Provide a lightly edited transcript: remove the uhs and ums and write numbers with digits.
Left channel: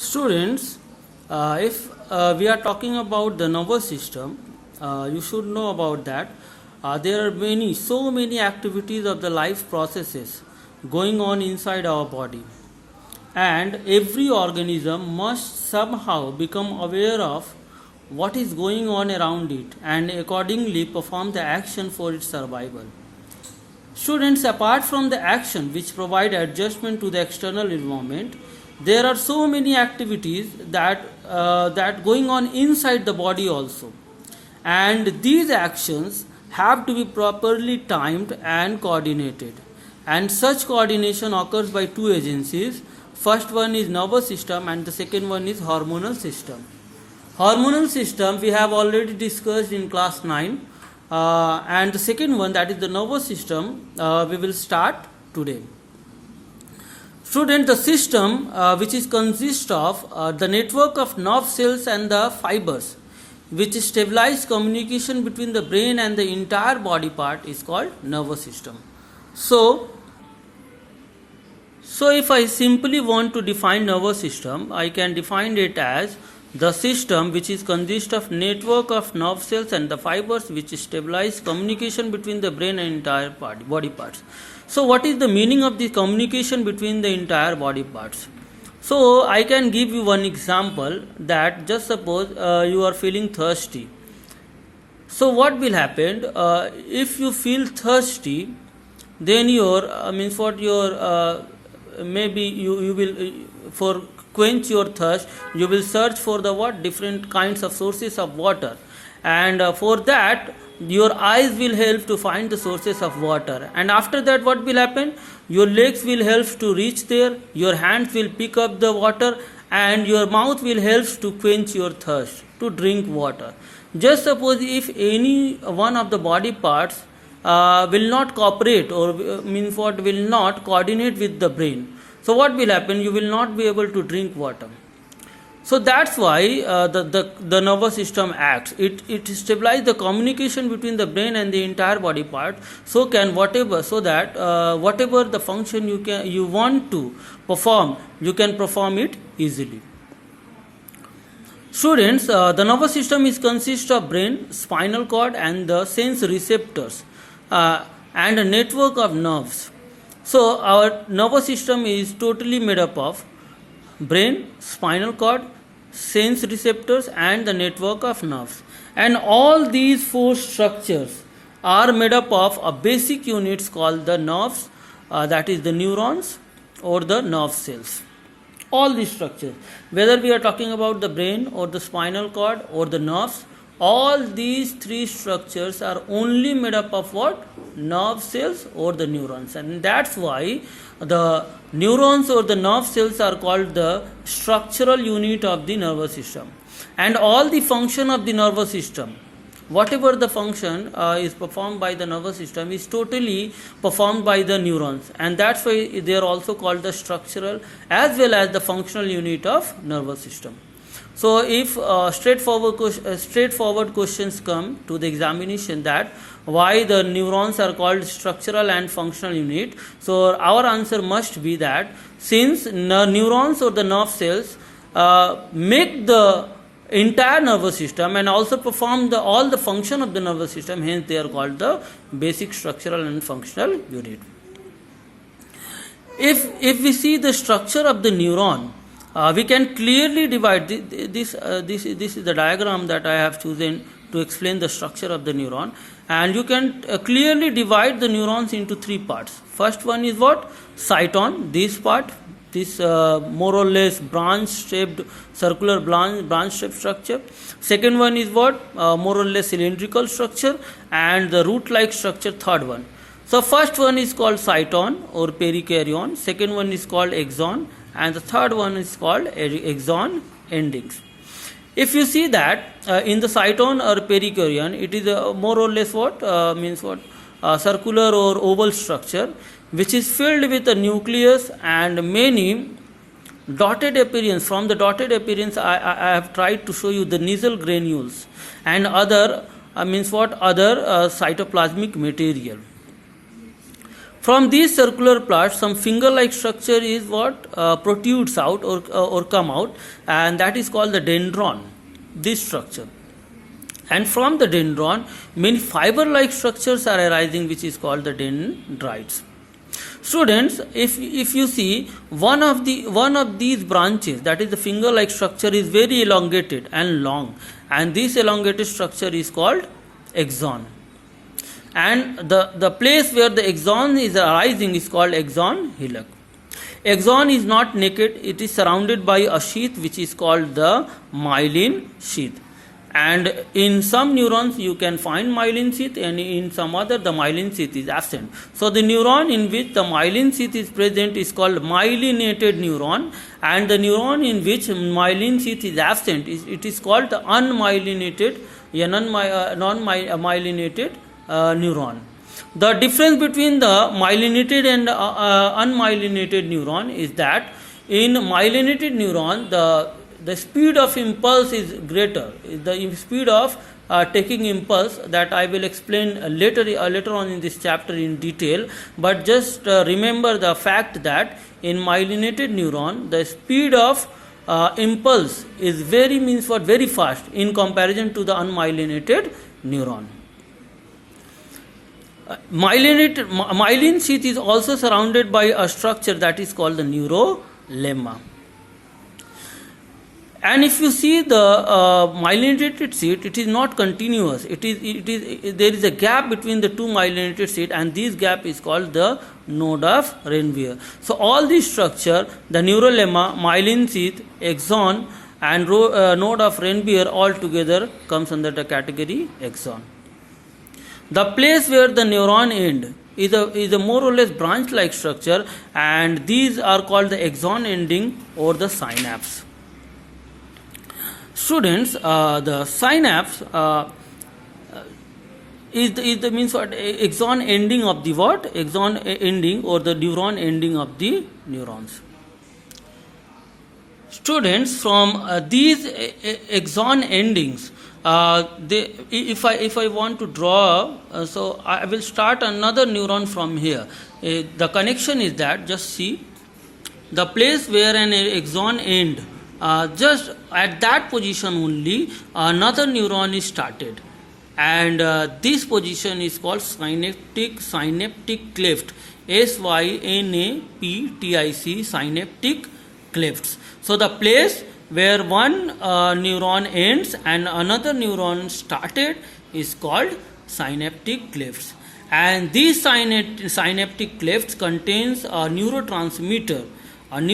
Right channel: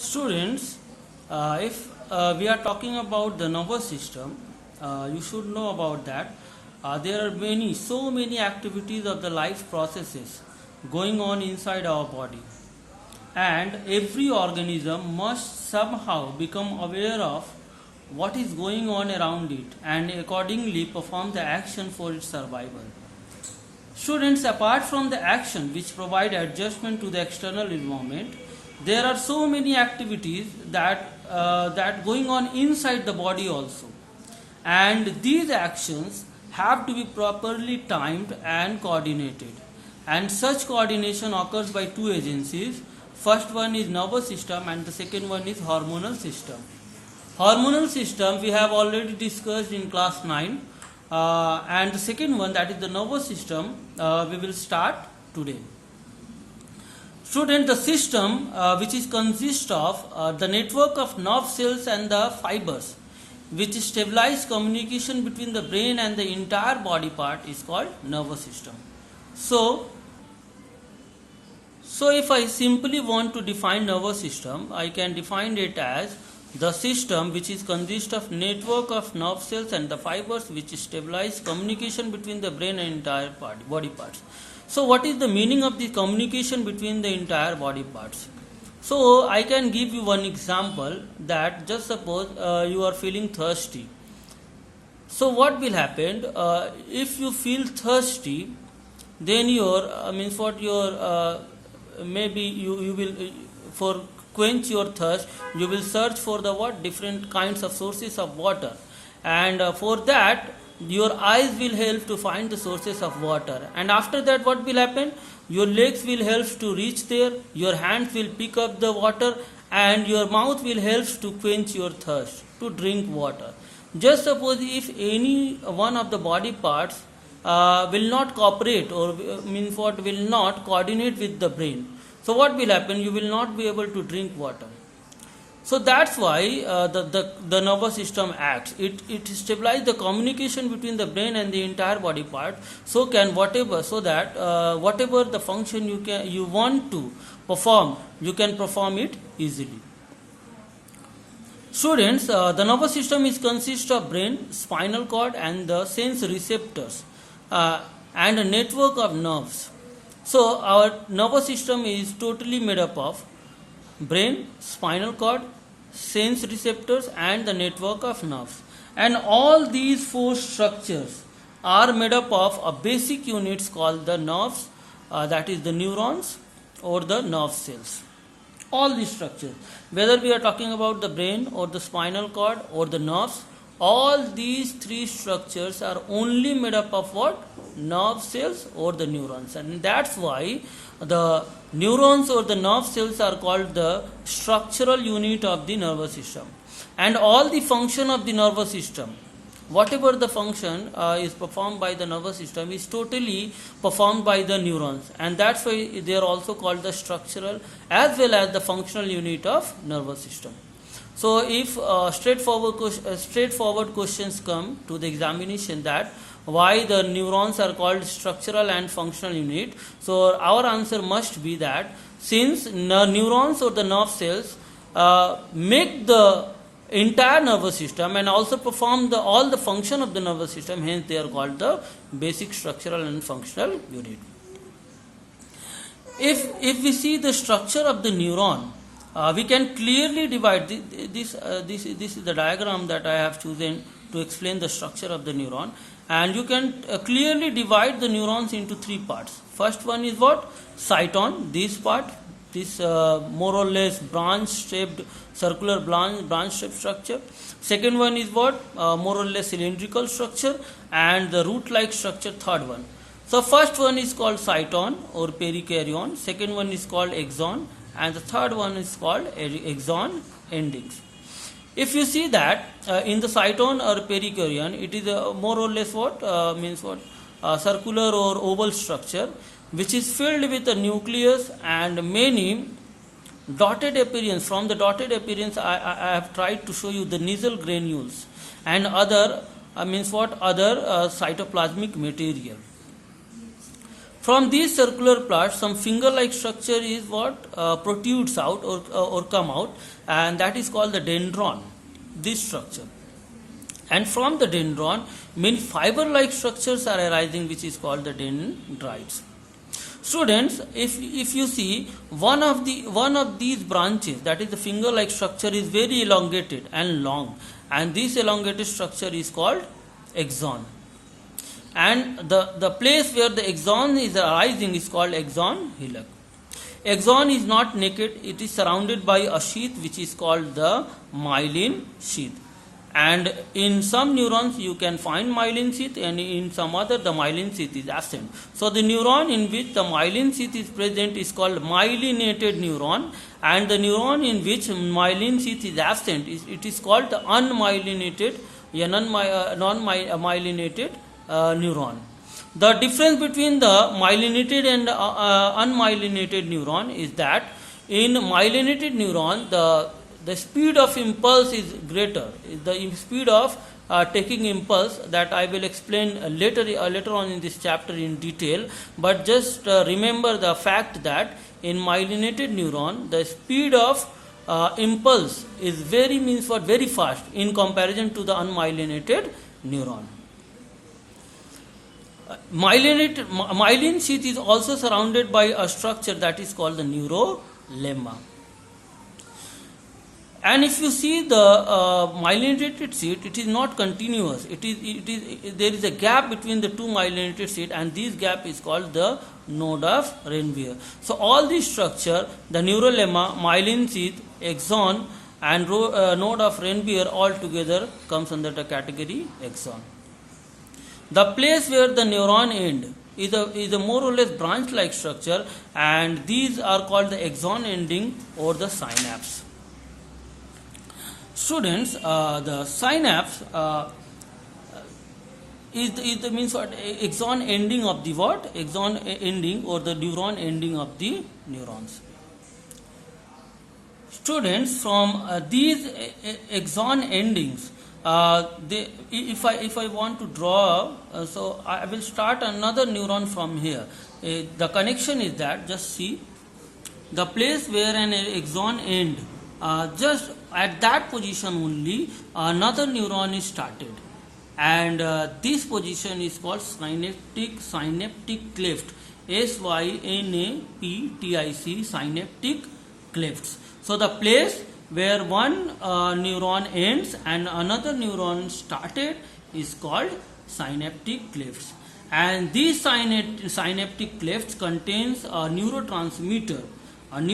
Students, if we are talking about the nervous system, you should know about that. There are so many activities of the life processes going on inside our body, and every organism must somehow become aware of what is going on around it and accordingly perform the action for its survival. Students, apart from the action which provide adjustment to the external environment, there are so many activities that going on inside the body also, and these actions have to be properly timed and coordinated. And such coordination occurs by two agencies. First one is nervous system, and the second one is hormonal system. Hormonal system we have already discussed in class 9. And the second one, that is the nervous system, we will start today. Student, the system which is consist of the network of nerve cells and the fibers which stabilize communication between the brain and the entire body part is called nervous system. So if I simply want to define nervous system, I can define it as the system which is consist of network of nerve cells and the fibers which stabilize communication between the brain and entire body parts. So what is the meaning of the communication between the entire body parts? So I can give you one example, that just suppose you are feeling thirsty. So what will happen if you feel thirsty, then maybe you will for quench your thirst, you will search for the different kinds of sources of water, and for that your eyes will help to find the sources of water, and after that what will happen, your legs will help to reach there, your hands will pick up the water, and your mouth will help to quench your thirst, to drink water. Just suppose if any one of the body parts will not cooperate, or will not coordinate with the brain, so what will happen, you will not be able to drink water. So that's why the nervous system acts. It stabilizes the communication between the brain and the entire body part, so that whatever the function you want to perform, you can perform it easily. Students, the nervous system consists of brain, spinal cord, and the sense receptors, and a network of nerves. So our nervous system is totally made up of brain, spinal cord, sense receptors, and the network of nerves. And all these four structures are made up of a basic units called the nerves, that is the neurons or the nerve cells. All these structures, whether we are talking about the brain or the spinal cord or the nerves, all these three structures are only made up of what? Nerve cells or the neurons. And that's why the neurons or the nerve cells are called the structural unit of the nervous system. And all the function of the nervous system, whatever the function is performed by the nervous system, is totally performed by the neurons. And that's why they are also called the structural as well as the functional unit of nervous system. So if straightforward questions come to the examination, that why the neurons are called structural and functional unit, so our answer must be that since neurons or the nerve cells make the entire nervous system and also perform all the function of the nervous system, hence they are called the basic structural and functional unit. If we see the structure of the neuron, we can clearly divide this is the diagram that I have chosen to explain the structure of the neuron, and you can clearly divide the neurons into three parts. First one is what? Cyton, this part, this more or less branch-shaped, circular branch-shaped structure. Second one is what? More or less cylindrical structure, and the root-like structure, third one. So first one is called cyton or perikaryon, second one is called axon, and the third one is called axon endings. If you see that in the cyton or perikaryon, it is more or less circular or oval structure which is filled with a nucleus and many dotted appearance. From the dotted appearance, I have tried to show you the nasal granules and other cytoplasmic material. From these circular parts, some finger-like structure is what protrudes out or come out, and that is called the dendron. This structure, and from the dendron, many fiber-like structures are arising, which is called the dendrites. Students, if you see one of these branches, that is the finger-like structure, is very elongated and long, and this elongated structure is called axon. And the place where the axon is arising is called axon hillock. Axon is not naked, it is surrounded by a sheath which is called the myelin sheath. And in some neurons you can find myelin sheath, and in some other the myelin sheath is absent. So the neuron in which the myelin sheath is present is called myelinated neuron, and the neuron in which myelin sheath is absent it is called the unmyelinated, non-myelinated neuron. The difference between the myelinated and unmyelinated neuron is that in myelinated neuron the speed of impulse is greater. The speed of taking impulse, that I will explain later on in this chapter in detail. But just remember the fact that in myelinated neuron the speed of impulse is very fast in comparison to the unmyelinated neuron. Myelin sheath is also surrounded by a structure that is called the neurolemma. And if you see the myelinated sheath, it is not continuous. There is a gap between the two myelinated sheath, and this gap is called the node of Ranvier. So all these structure, the neurolemma, myelin sheath, axon, and node of Ranvier all together comes under the category axon. The place where the neuron end is a more or less branch-like structure, and these are called the axon ending or the synapse. Students, the synapse is the means what axon ending of the what? Axon ending or the neuron ending of the neurons. Students, from these axon endings, if I want to draw, so I will start another neuron from here. The connection is that, just see, the place where an axon end, just at that position only another neuron is started, and this position is called synaptic cleft, synaptic, synaptic clefts. So the place where one neuron ends and another neuron started is called synaptic clefts, and these synaptic clefts contains a neurotransmitter